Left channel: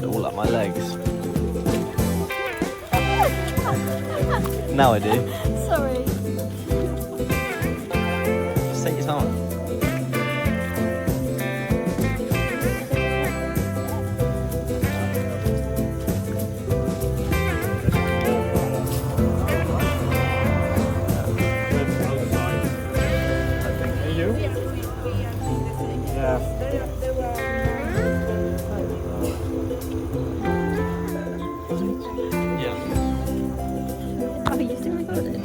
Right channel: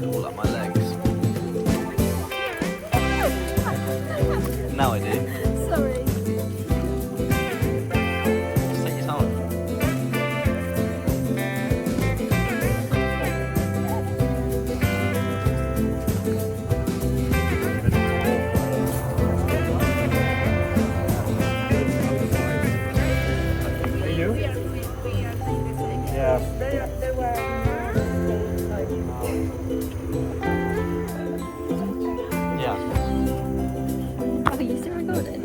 mud all up my legs. Now I do. Sorry. Just take your time. You? We are doing the same. Yeah. There were Yeah. Oh, you still recording?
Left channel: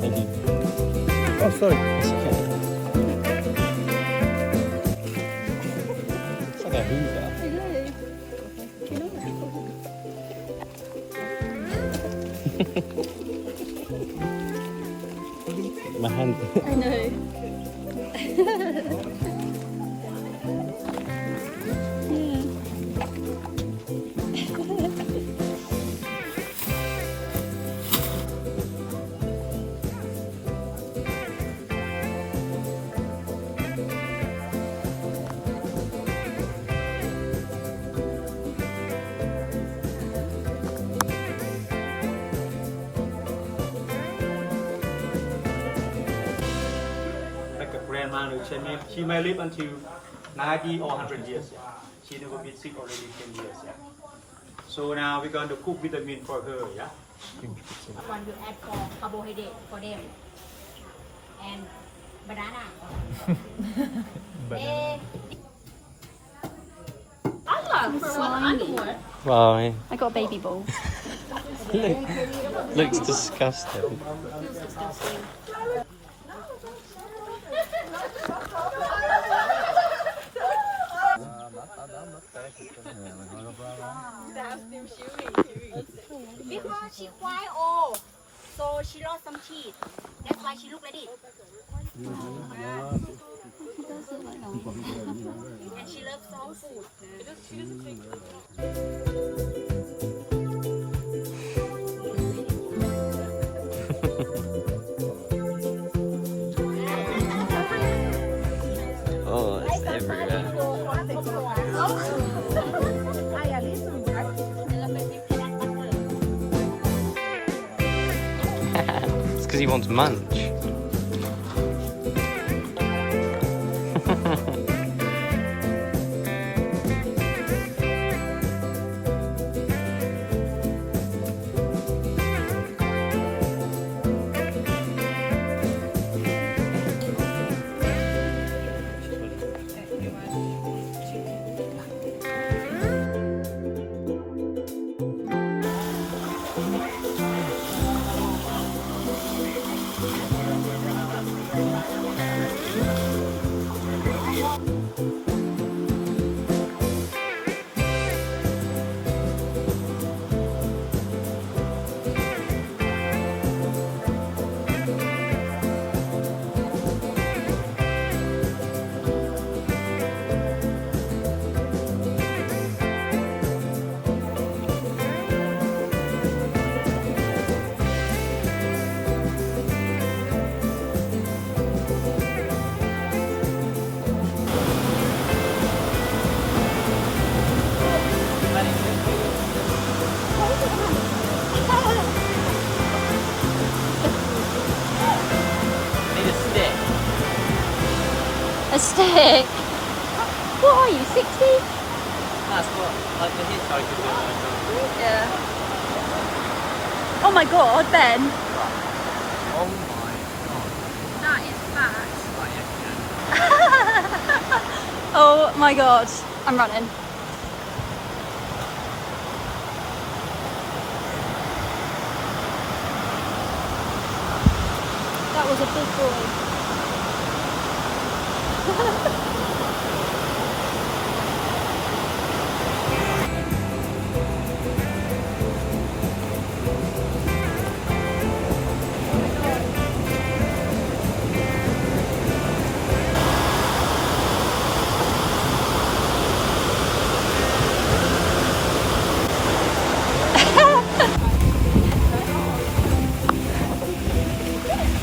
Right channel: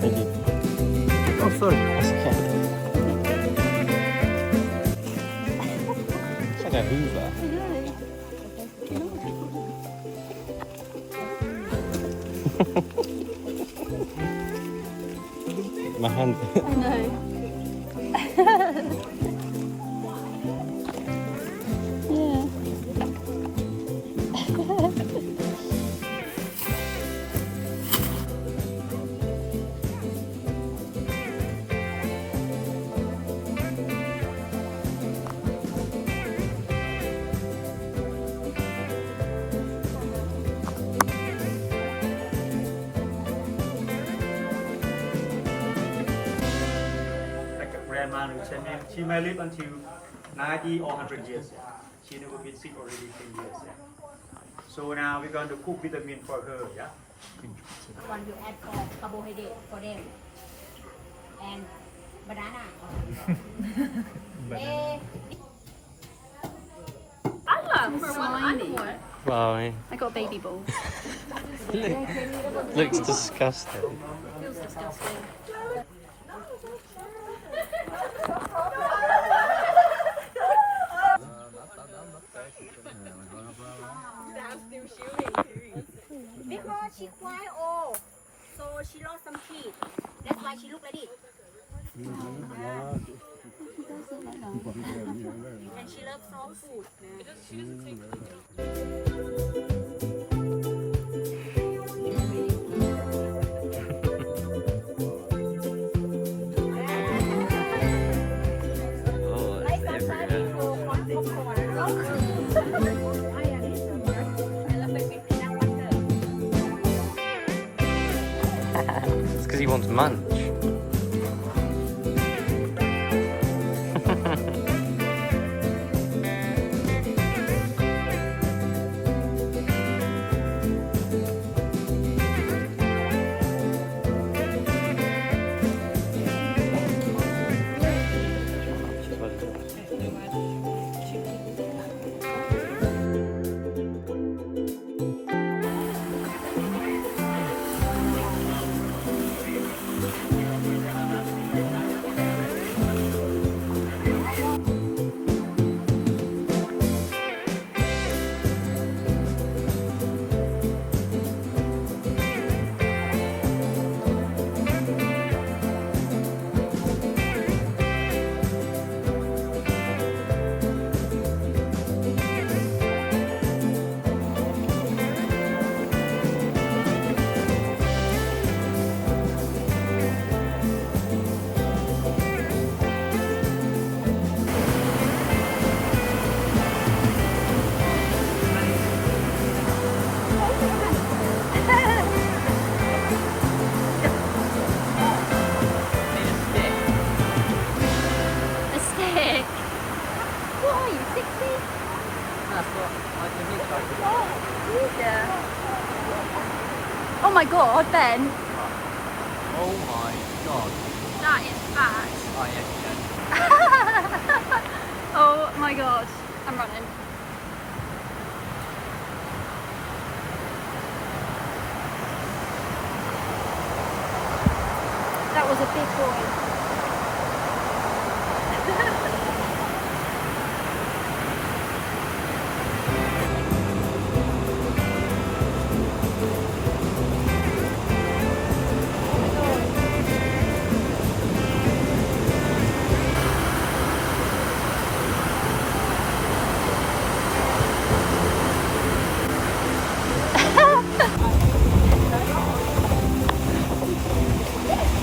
Thank you. Oh, sorry. That's okay. It's like a Hoover. My hand. I know. Yeah. Like a grandma who said she may live until 90 or 100 years. Yeah. She never been sick already 10 years. Yeah. So now we're going to cook vitamin for her. Yeah. One you add for carbohydrate for them and banana. Eh, Slimy. Fly. I got baby balls. Looks disgusting. Feels disgusting. because she quite old, so she lost some teeth. That's why she look like this. He does look like that. And she loves strong food. Oh, it's everywhere. It's because he wants munch. stick. What are you, 60? That's what like the hitchhiker. Yeah. Oh my god, Ben. Oh That is fat. Oh my god. I'm running. That was a big boy.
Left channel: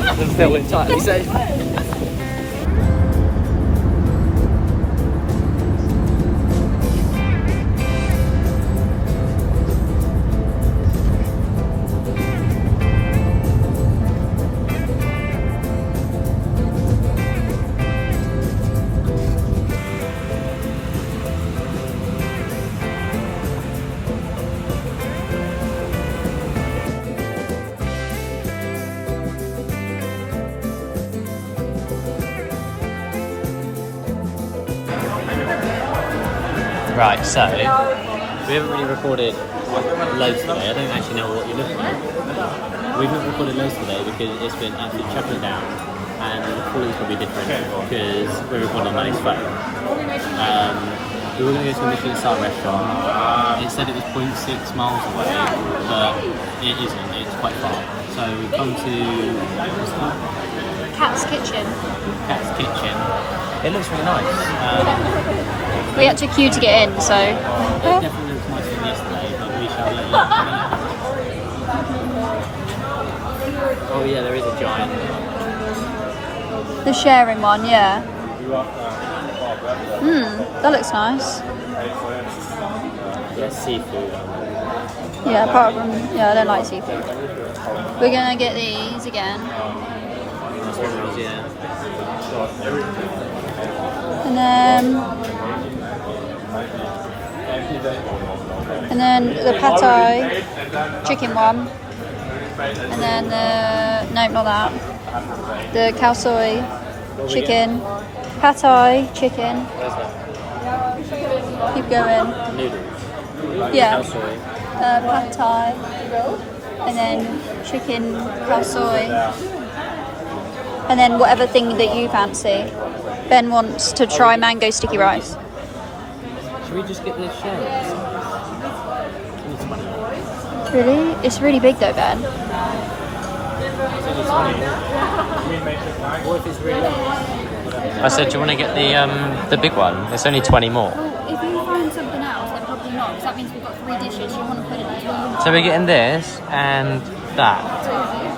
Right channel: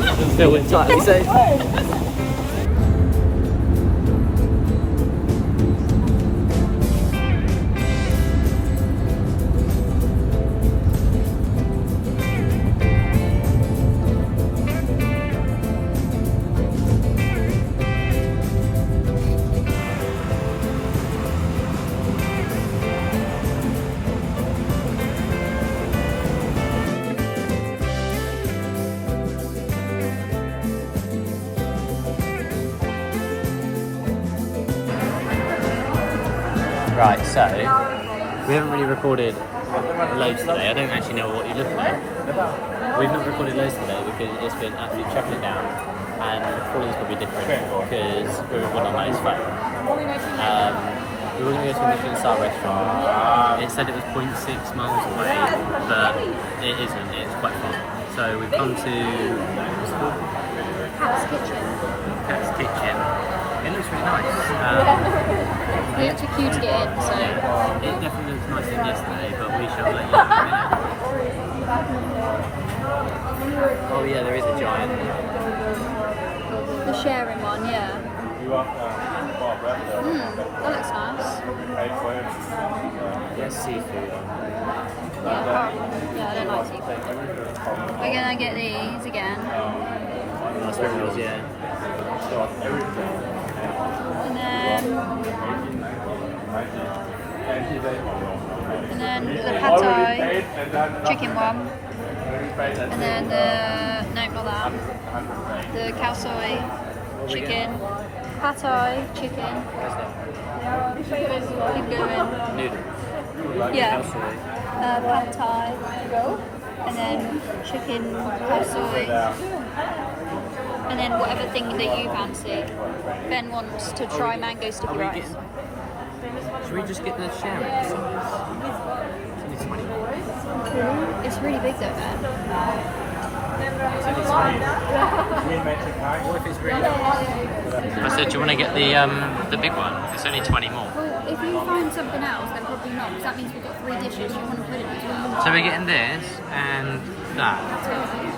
Doesn't fit what entirely says. Right, so we haven't really recorded loads today. I don't actually know what you're looking at. We've not recorded loads today because it's been absolutely chucking down, and the quality's probably different because we're recording on his phone. We were going to go to a Michelin star restaurant. It said it was 0.6 miles away, but it isn't. It's quite far. So we've come to what's it called? Cat's Kitchen. Cat's Kitchen. It looks really nice. We had to queue to get in, so. It definitely looks nicer than yesterday, but we shall let you know. Oh yeah, there is a giant. The sharing one, yeah. That looks nice. Yeah, seafood. Yeah, apart from, yeah, I don't like seafood. We're gonna get these again. Oh, spring rolls, yeah. And then the pad thai chicken one. And then no, not that. The khao soi chicken. Pad thai chicken. Where's that? Keep going. Noodles. Yeah. Khao soi. Pad thai. And then chicken khao soi. And then whatever thing that you fancy. Ben wants to try mango sticky rice. Should we just get the sharing size? It's only 20. Really? It's really big though, Ben. It's only 20. What if it's really nice? I said, do you want to get the big one? It's only 20 more. Well, if you find something else, then probably not, because that means we've got 3 dishes. You want to put it between. So we're getting this and that. That's right.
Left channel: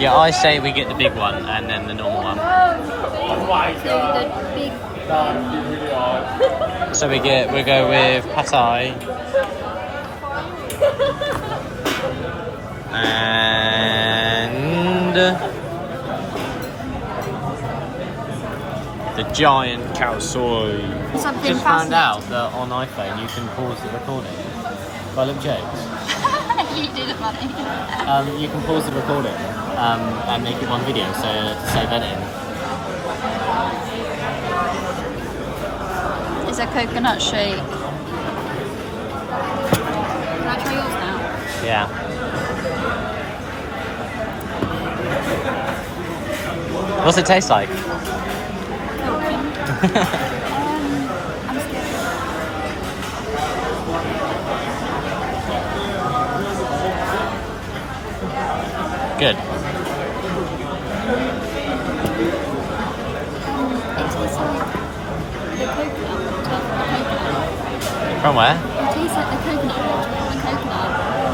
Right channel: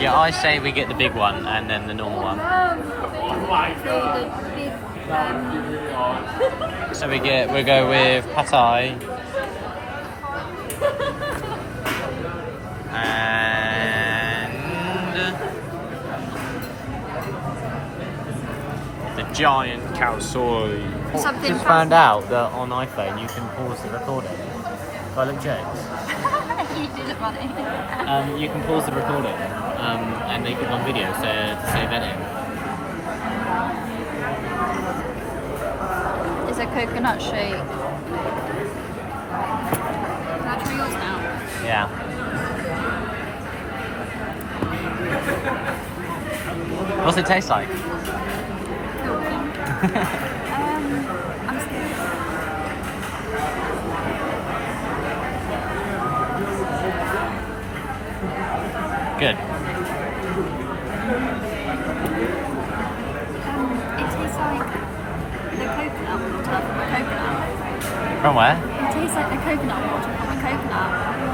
Yeah, I say we get the big one and then the normal one. So the big. So we go with pad thai and the giant khao soi. Something Just found out that on iPhone you can pause the recording. Do I look jokes? You did it, funny. You can pause the recording and make it one video so to save editing. Is a coconut shake. Can I try yours now? Yeah. What's it taste like? I'm scared. Good. It tastes like the coconut water from a coconut. From where? It tastes like the coconut water from a coconut.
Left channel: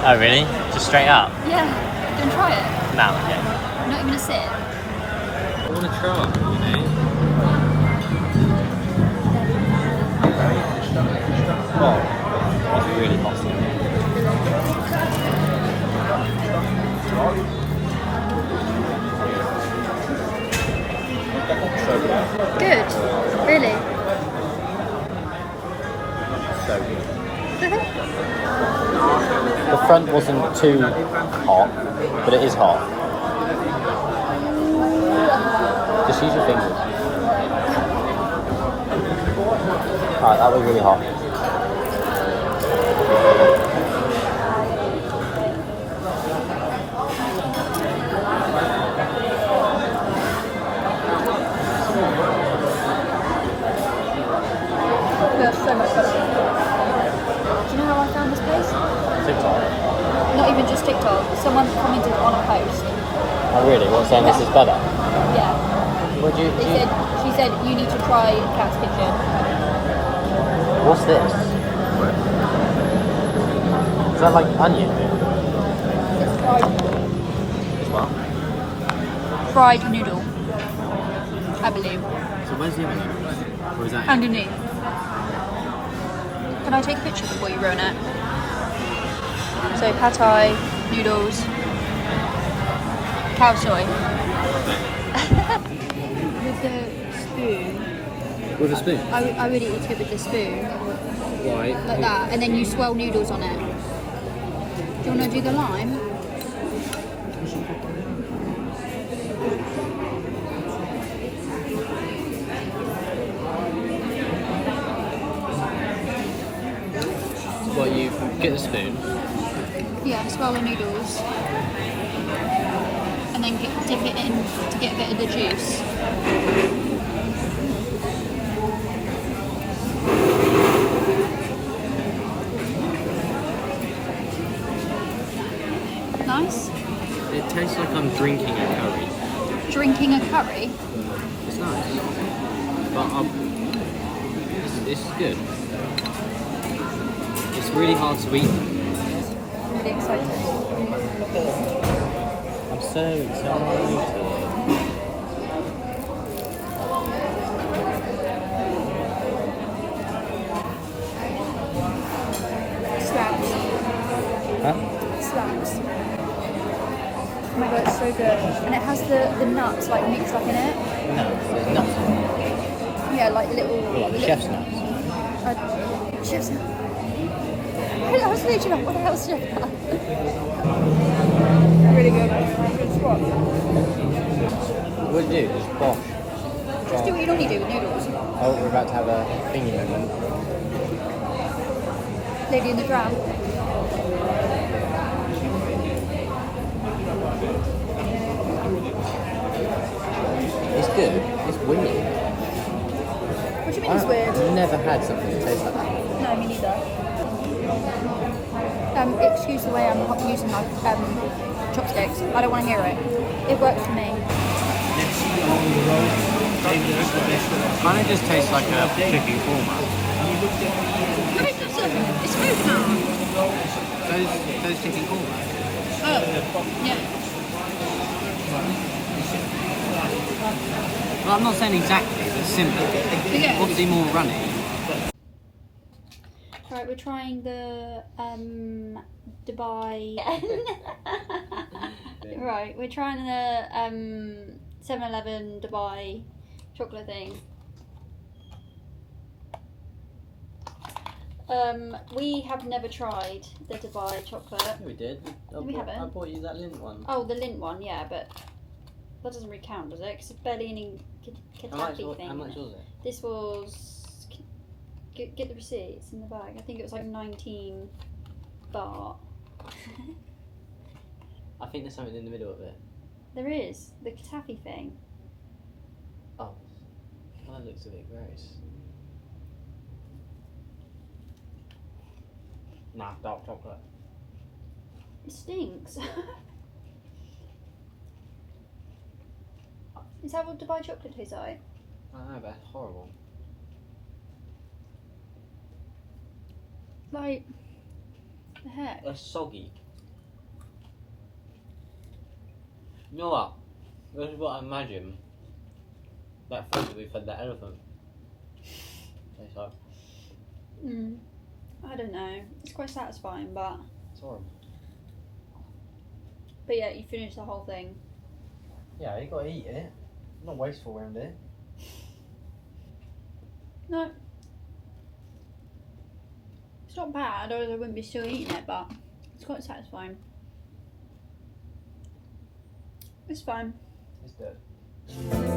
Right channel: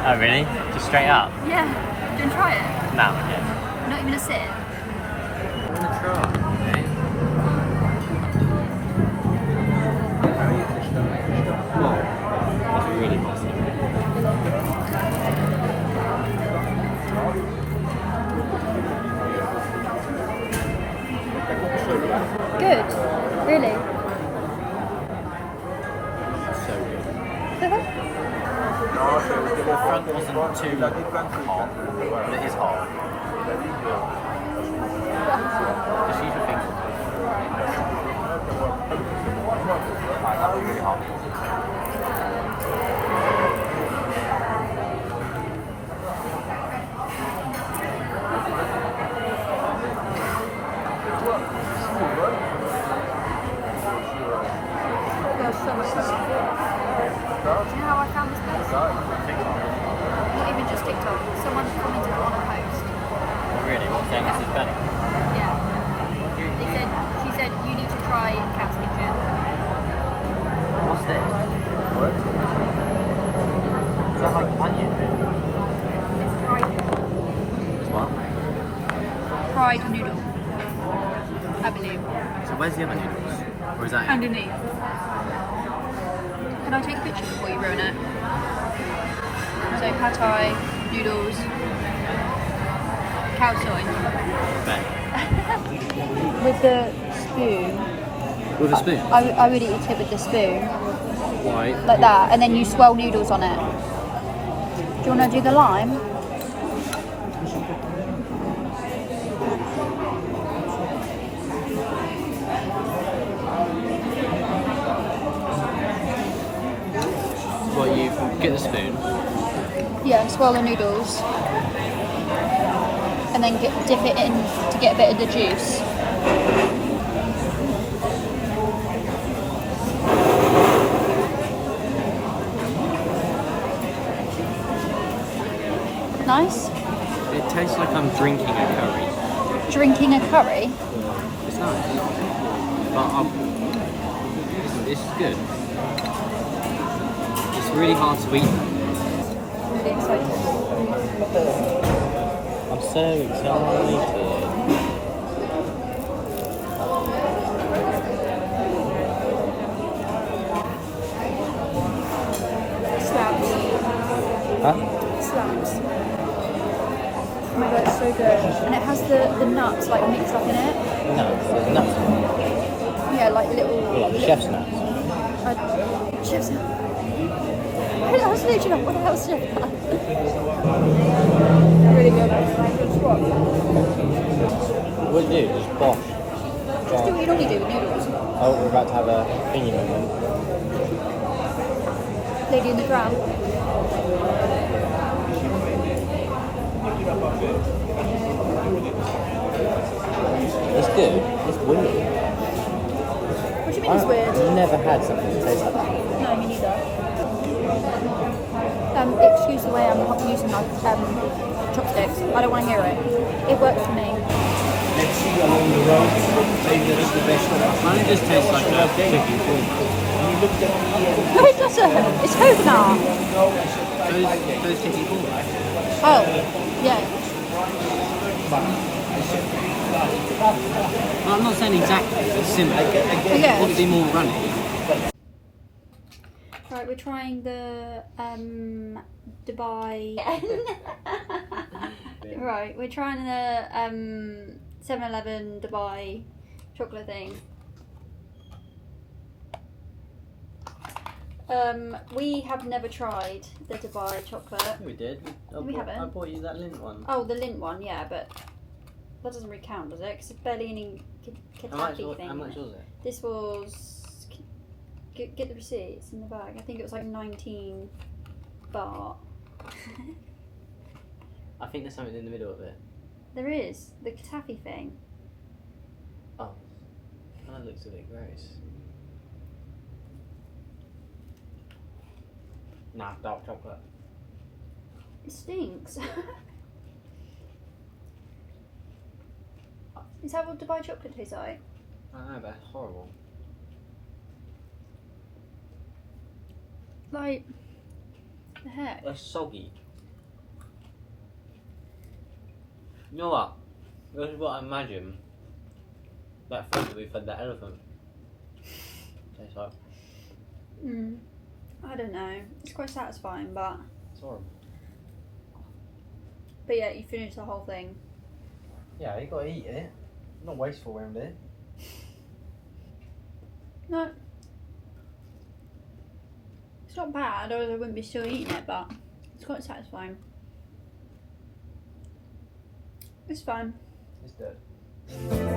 Oh really? Just straight up? Yeah. Do you want to try it? No, okay. You're not even gonna sit. I want to try it, Well, it's really hot. Good. too hot, but it is hot. Just use your fingers. Right, that was really hot. Yeah, so much better. Do you know how I found this place? TikTok. Not even just TikTok. Someone commented on a post. Oh really? What, saying this is better? Yeah. What do you... She said you need to try Cat's Kitchen. What's this? Is that like onion? It's fried. Fried noodle, I believe. So where's the other noodles? Or is that it? Underneath. Can I take a picture before you ruin it? So pad thai, noodles, cow soy. With the spoon. With a spoon? I would eat it with the spoon. Why? Like that, and then you swirl noodles on it. Do you want to do the lime? What, you get the spoon? Yeah, swirl the noodles. And then dip it in to get a bit of the juice. Nice. It tastes like I'm drinking a curry. Drinking a curry. It's nice. But this is good. It's really hard to eat. Really excited. I'm so excited. Slaps. Huh? Slaps. Oh my god, it's so good. And it has the nuts like mixed up in it. No, there's nuts. Yeah, like little... Like little chef's nuts. Chef's nuts. I was literally like, what else chef nuts? Really good. Good spot. What do you do? Just bosh. Just do what you normally do with noodles. Oh, we're about to have a thingy moment. Lady in the Tram. It's good. It's weird. What do you mean it's weird? I've never had something that tastes like that. No, me neither. Excuse the way I'm using my chopsticks. I don't want to hear it. It works for me. Let's see along the road, maybe that's the best one. Kind of just tastes like a chicken korma. No, it doesn't. It's food now. Those chicken korma. Oh, yeah. Well, I'm not saying exactly. It's similar. Yeah. Obviously more runny. Right, we're trying the Dubai. Right, we're trying the 7-Eleven Dubai chocolate thing. We have never tried the Dubai chocolate. We did. We haven't. I bought you that lint one. Oh, the lint one, yeah, but that doesn't really count, does it? Because it's barely any katafi thing. How much was it? This was. Get the receipt, it's in the bag. I think it was like 19 baht. I think there's something in the middle of it. There is, the katafi thing. Oh, that looks a bit gross. Nah, dark chocolate. It stinks. Is that what Dubai chocolate tastes like? I don't know, but it's horrible. Like, the heck? It's soggy. You know what? This is what I imagine that food that we fed that elephant tastes like. I don't know. It's quite satisfying, but It's horrible. yeah, you finish the whole thing. Yeah, you gotta eat it. Not wasteful around it. No. It's not bad, or I wouldn't be still eating it, but it's quite satisfying. It's fine. It's dead.